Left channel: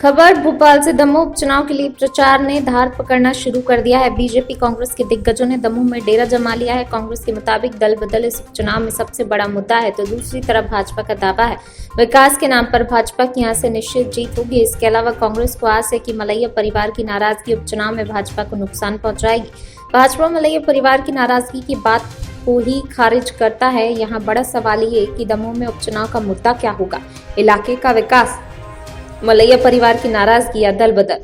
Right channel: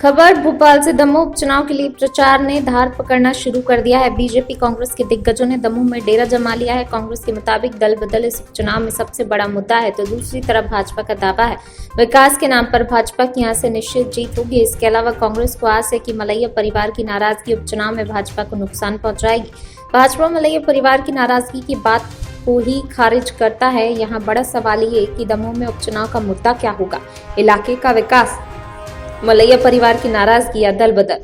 खबर भोपाल से दमोह उपचुनाव के लिए प्रचार ने धार पकड़ना शुरू कर दिया है। बीजेपी कांग्रेस के दिग्गजों ने दमोह में डेरा जमा लिया है। कांग्रेस के मुताबिक दल बदल इस उपचुनाव में सबसे बड़ा मुद्दा है, तो दूसरी तरफ भाजपा का दावा है विकास के नाम पर भाजपा की यहां से निश्चित जीत होगी। इसके अलावा कांग्रेस को आस है कि मलैया परिवार की नाराजगी उपचुनाव में भाजपा को नुकसान पहुंचाएगी। भाजपा मलैया परिवार की नाराजगी की बात को ही खारिज करता है। यहाँ बड़ा सवाल ये कि दमोह में उपचुनाव का मुद्दा क्या होगा, इलाके का विकास, मलैया परिवार की नाराजगी या दल बदल।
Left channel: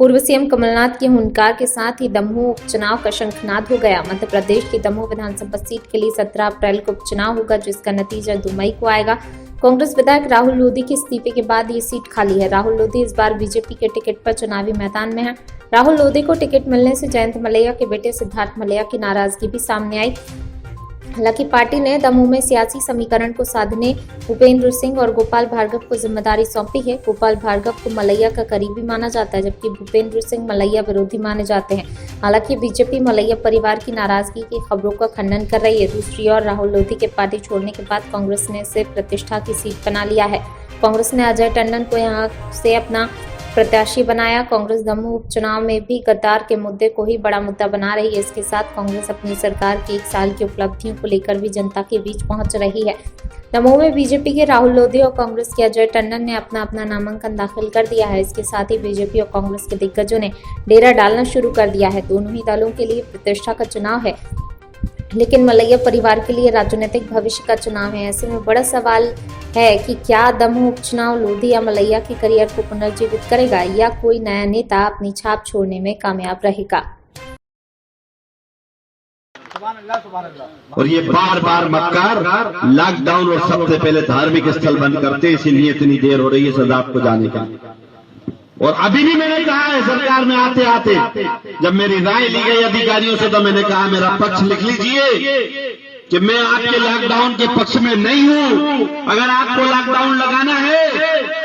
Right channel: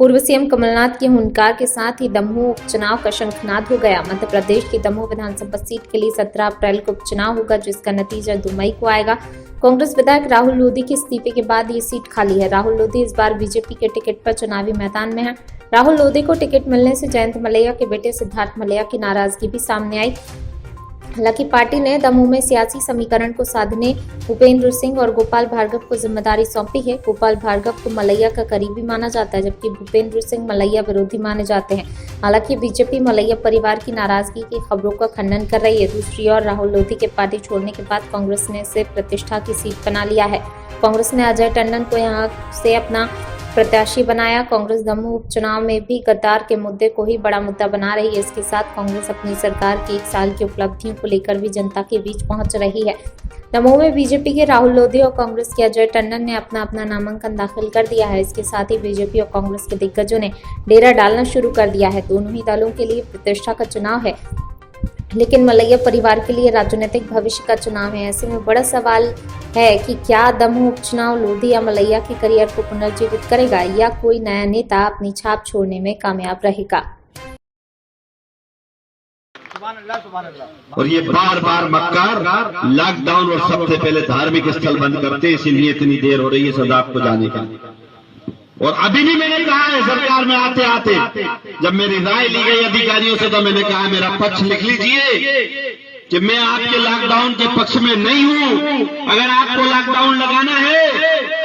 पूर्व सीएम कमलनाथ की हुंकार के साथ ही दमोह उपचुनाव का शंखनाद हो गया। मध्य प्रदेश की दमोह विधानसभा सीट के लिए 17 अप्रैल को उपचुनाव होगा, जिसका नतीजा 2 मई को आएगा। कांग्रेस विधायक राहुल लोधी के इस्तीफे के बाद ये सीट खाली है। राहुल लोधी इस बार बीजेपी के टिकट पर चुनावी मैदान में है। राहुल लोधी को टिकट मिलने से जयंत मलैया के बेटे सिद्धार्थ मलैया की नाराजगी भी सामने आई। हालांकि पार्टी ने दमोह में सियासी समीकरण को साधने भूपेंद्र सिंह और गोपाल भार्गव को जिम्मेदारी सौंपी है। गोपाल भार्गव को मलैया का करीबी माना जाता है, जबकि भूपेंद्र सिंह मलैया विरोधी माने जाते हैं। हालांकि बीजेपी मलैया परिवार की नाराजगी की खबरों का खंडन कर रही है। दूसरी ओर राहुल लोधी के पार्टी छोड़ने के बाद कांग्रेस ने इसे प्रतिष्ठा की सीट बना लिया है। कांग्रेस ने अजय टंडन को यहाँ से अपना प्रत्याशी बनाया। कांग्रेस दमोह उपचुनाव में भी गद्दार के मुद्दे को ही बड़ा मुद्दा बना रही है। इसके साथ कांग्रेस अपनी सरकार की 1 साल की उपलब्धियों को लेकर भी जनता के बीच पहुंच रही है। दमोह में बीजेपी के राहुल लोधी और कांग्रेस के अजय टंडन ने अपना नामांकन दाखिल कर दिया है। इसके साथ ही बीजेपी और कांग्रेस के दिग्गजों ने डेरा डालना शुरू कर दिया है। दोनों ही दलों के लिए प्रतिष्ठा का चुनाव है, लेकिन मलैया परिवार के लिए राजनीतिक भविष्य का चुनाव है। ऐसे में बड़ा सवाल है कि क्या दमोह उपचुनाव लोधी या मलैया के करियर को पुनर्जीवित करेगा, या कोई नया नेता अपनी छाप छोड़ने में कामयाब रहेगा। और ये बार बार मक्कार लॉकडाउन और सबसे पहले धार्मिक स्थल बंद करते, इसीलिए इतनी देर हो रही है सजा आपको जाने का। और अभी भी मैंने कहा है सरकार में आते आते, जब मेरी राय ली गई अधिकारियों से, तो मैंने कहा मेरा पक्ष लिख लीजिए कि मैं आपके लॉकडाउन के पक्ष में नहीं हूं। अगर आपको लॉकडाउन लगाना है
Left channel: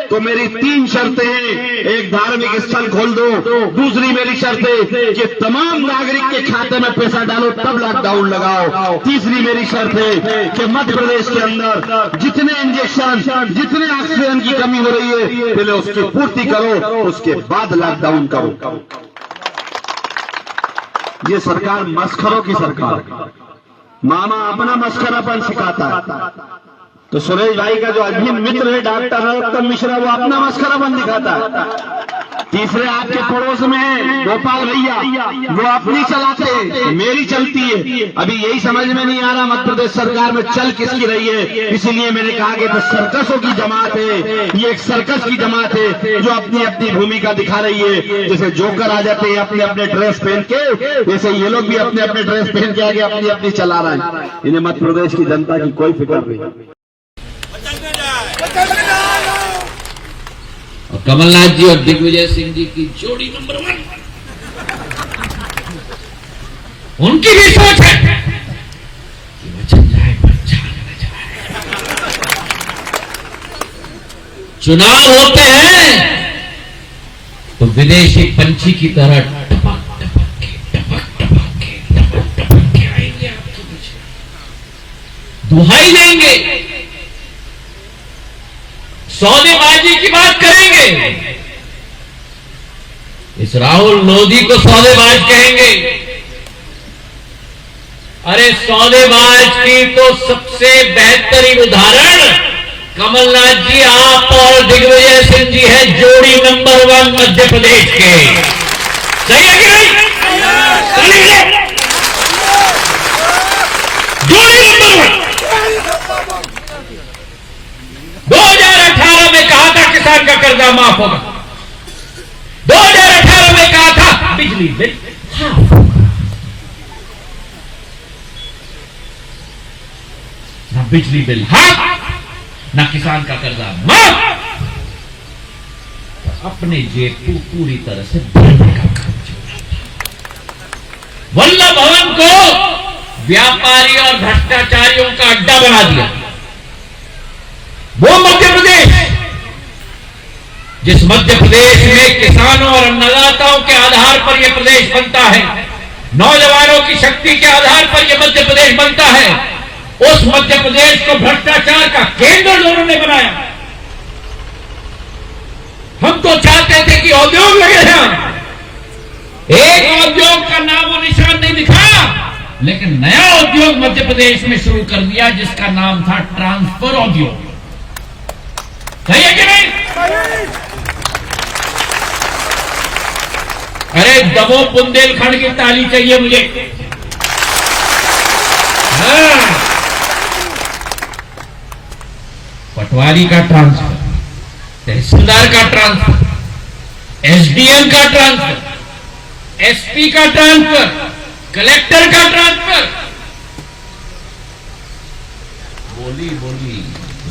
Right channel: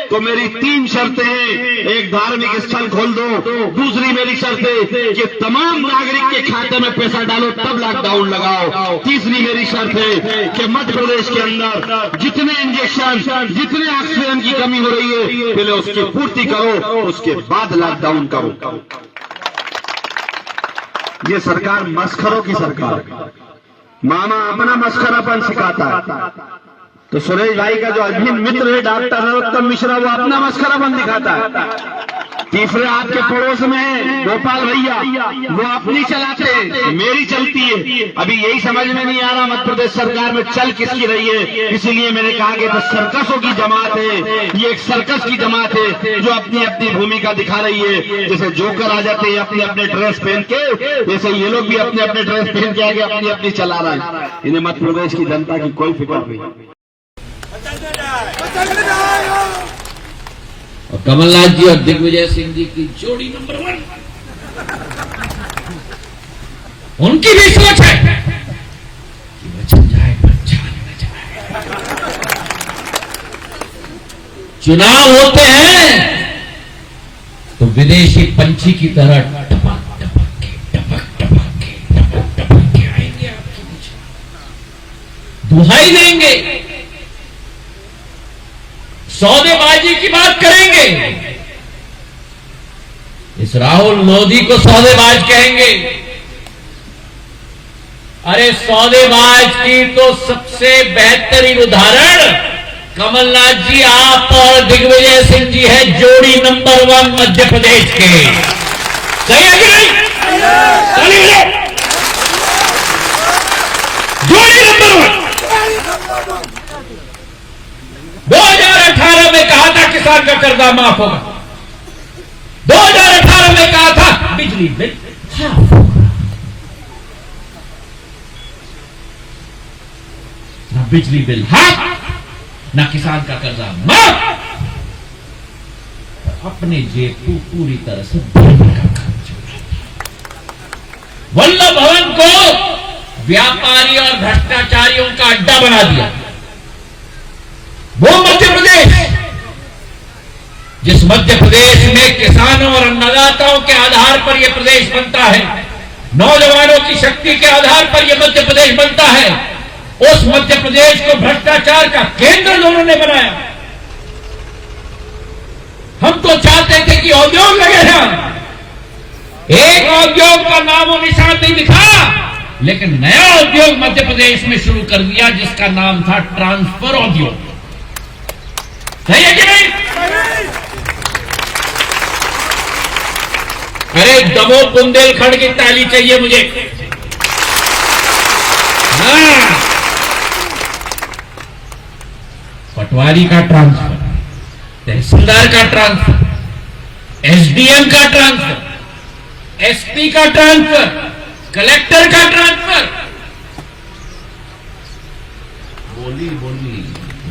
तो मेरी 3 शर्तें हैं। एक, धार्मिक स्थल खोल दो। दूसरी मेरी शर्त है कि तमाम नागरिक के खाते में पैसा डालो, तब लॉकडाउन लगाओ। तीसरी मेरी शर्त है कि मध्य प्रदेश के अंदर जितने इंजेक्शन, जितने ऑक्सीजन की कमी हो रही है, पहले उसकी पूर्ति करो, उसके बाद लॉकडाउन करो। ये सरकार मस्खरों की सरकार, मामा अपना मस्खरापन सिखाता है। तो सुरेश भाई का जो अभिन्न मित्र है डॉक्टर नरोत्तम मिश्रा, वो अपना मस्खरापन दिखाता है। तीसरे आपके पड़ोस में गोपाल भैया, वो अपनी चलाते हैं, मेरी चलती है। अभी यही समझ में नहीं आ रहा मध्य प्रदेश सरकार में चल किसकी रही है। इसीलिए मैंने कहा कि तो सर्कसों की जमात है, ये एक सर्कस की जमात है जो अपनी अपनी भूमिका दिखा रही है। जैसे जोकर आ जाते हैं अपने अपने ड्रेस पहन के, जैसे ये लोग भी अपने अपने ड्रेस पहन के आगे अपनी अपनी चला रहे हैं। इन्हें मध्य प्रदेश की जनता की कोई फिक्र नहीं। कमलनाथ जी और दिग्विजय सिंह जी की जोड़ी नंबर 1, उनकी भी सोच है कि बचन जाए चुनाव होते हैं तो विदेशी पंछी की तरह टपक के आएंगे आपके पीछे, दुहाई देंगे, सौदेबाजी की बात करेंगे। इस राहुल लोधी को सौदेबाज कहेंगे। अरे सौदेबाज की तो सबसे बेहतरीन उदाहरण कमलनाथ जी, आप और दिग्विजय सिंह जी है, जोड़ी नंबर 1 मध्य प्रदेश के। सही है कि नहीं? जोड़ी नंबर 1। 2018 में कहा था किसान का कर्जा माफ होगा। 2018 में कहा था बिजली बिल हाफ होगा। ना बिजली बिल हाफ, ना किसान का कर्जा माफ। तो अपने जेब को पूरी तरह से भरने का काम चल रहा था। वल्लभ भवन को व्यापारी और भ्रष्टाचारियों का अड्डा बना दिया। वो मध्य प्रदेश, जिस मध्य प्रदेश में किसानों और अन्नदाताओं के आधार पर यह प्रदेश बनता है, नौजवानों की शक्ति के आधार पर यह मध्य प्रदेश बनता है, उस मध्य प्रदेश को भ्रष्टाचार का केंद्र दोनों ने बनाया। हम तो चाहते थे कि उद्योग लगे हैं, एक उद्योग का नाम और निशान नहीं दिखा, लेकिन नया उद्योग मध्य प्रदेश में शुरू कर दिया जिसका नाम था ट्रांसफर उद्योग। सही है कि नहीं? अरे दमोह बुंदेलखंड की ताली चाहिए मुझे। पटवारी का ट्रांसफर, तहसीलदार का ट्रांसफर, एसडीएम का ट्रांसफर, एसपी का ट्रांसफर, कलेक्टर का ट्रांसफर।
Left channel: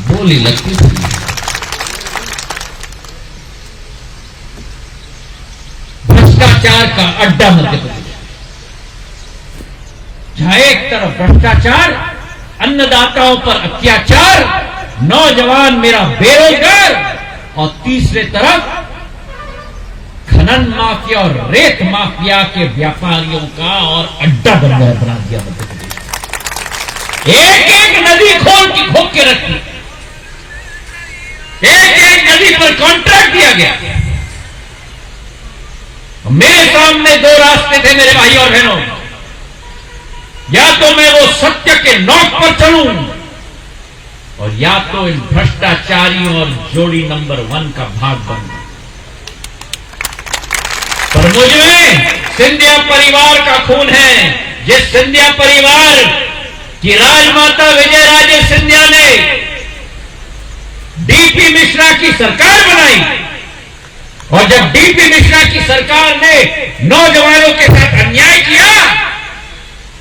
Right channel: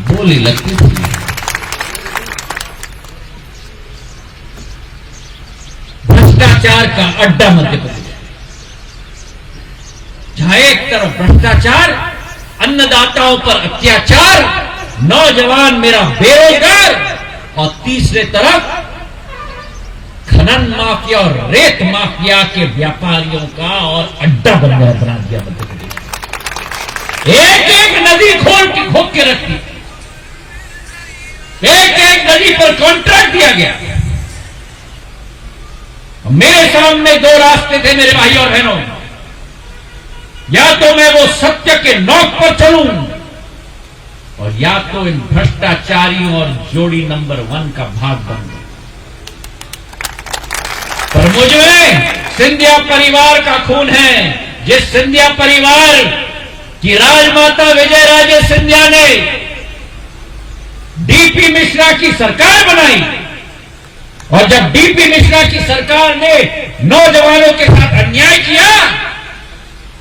बोली लगती थी। भ्रष्टाचार का अड्डा मध्य प्रदेश, जहां एक तरफ भ्रष्टाचार, अन्नदाताओं पर अत्याचार, नौजवान मेरा बेरोजगार, और तीसरे तरफ खनन माफिया और रेत माफिया के व्यापारियों का और अड्डा बना दिया मध्य प्रदेश। एक एक नदी खोद के रखी, एक एक नदी पर कॉन्ट्रैक्ट दिया गया। मेरे सामने दो रास्ते थे मेरे भाई और बहनों, या तो मैं वो सत्य के नोक पर चलूं, और या तो इन भ्रष्टाचारियों और जोड़ी नंबर 1 का भाग बनूं। पर मुझमें सिंधिया परिवार का खून है। जिस सिंधिया परिवार की राजमाता विजयराजे सिंधिया ने डीपी मिश्रा की सरकार बनाई, और जब डीपी मिश्रा की सरकार ने नौजवानों के साथ अन्याय किया,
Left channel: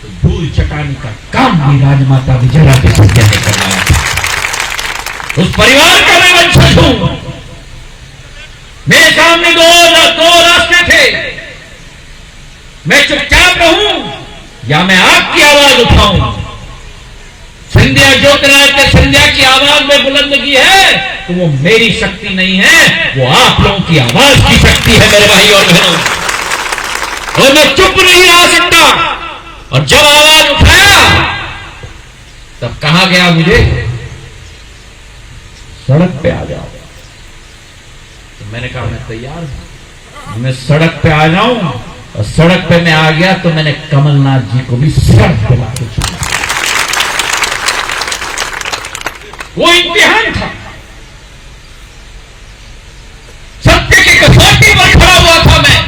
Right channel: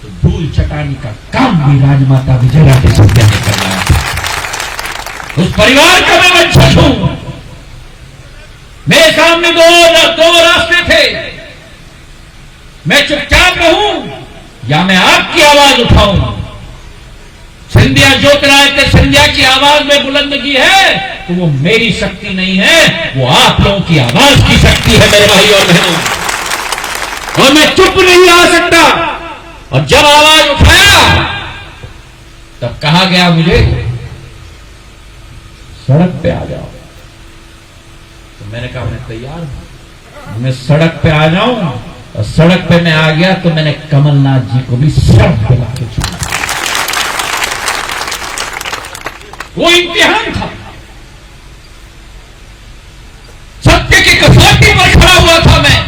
तो धूल चटाने का काम भी राजमाता विजयराजे सिंधिया ने करवाया था। उस परिवार का मैं वंशज हूं। मेरे सामने दो रास्ते थे, मैं चुपचाप रहूं या मैं आपकी आवाज उठाऊं। सिंधिया ज्योतिरादित्य सिंधिया की आवाज में बुलंदगी है तो वो मेरी शक्ति नहीं है, वो आप लोगों की आवाज की शक्ति है मेरे भाई और बहनों। और मैं चुप नहीं रह सकता, और जब आवाज उठाया तब कहा गया मुझे सड़क पे आ जाओ। तो मैंने कहा मैं तैयार हूं, मैं सड़क पे आ जाऊं। और सड़क पे मैं आ गया तो मैंने कमलनाथ जी को भी सड़क पे लाके छोड़ा। वो इम्तिहान था, सत्य की कसौटी पर खड़ा हुआ था मैं।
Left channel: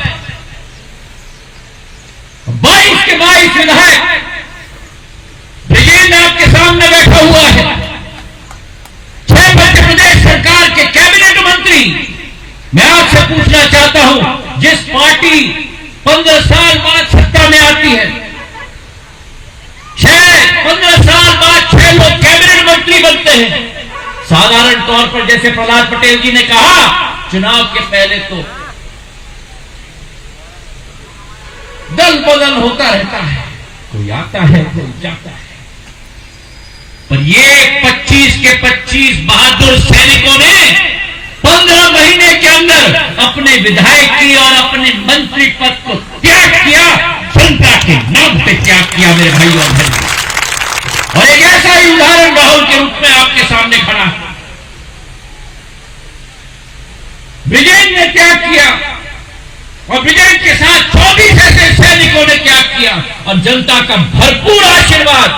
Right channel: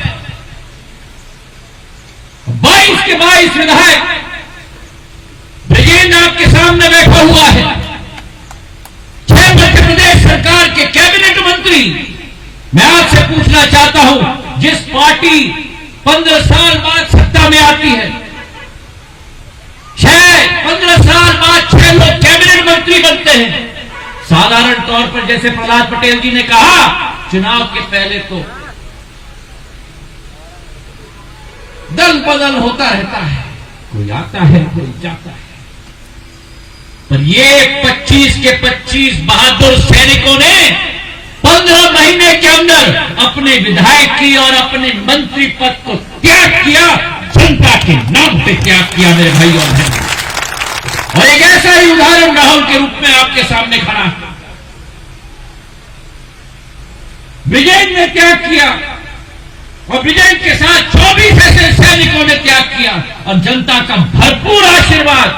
22 के 22 विधायक विजयेंद्र आपके सामने बैठा हुआ है, 6 मध्य प्रदेश सरकार के कैबिनेट मंत्री। मैं आपसे पूछना चाहता हूं, जिस पार्टी 15 साल बाद सत्ता में आती है, 15 साल बाद 6 लोग कैबिनेट मंत्री बनते हैं। साधारण तौर पर जैसे प्रहलाद पटेल जी ने कहा, चुनाव के पहले तो दल बदल होता रहता है, कोई आता है कोई जाता है। पर ये 25 के 25 बहादुर सैनिकों ने 15 महीने के अंदर अपने विधायक की और अपने मंत्री पद को त्याग किया, जनता के नाम पे त्याग किया मेरे भाई और बहनों। और एक ऐसा ही उदाहरण राहुल के रूप में आपके सामने खड़ा है। विजय ने त्याग किया, और विजय के साथ 24 ऐसे सैनिकों ने त्याग किया, और जनता का भरपूर आशीर्वाद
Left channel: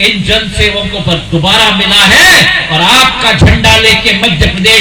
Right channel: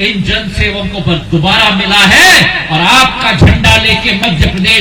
इन जनसेवकों पर दोबारा मिला है। और आपका झंडा लेके मध्य प्रदेश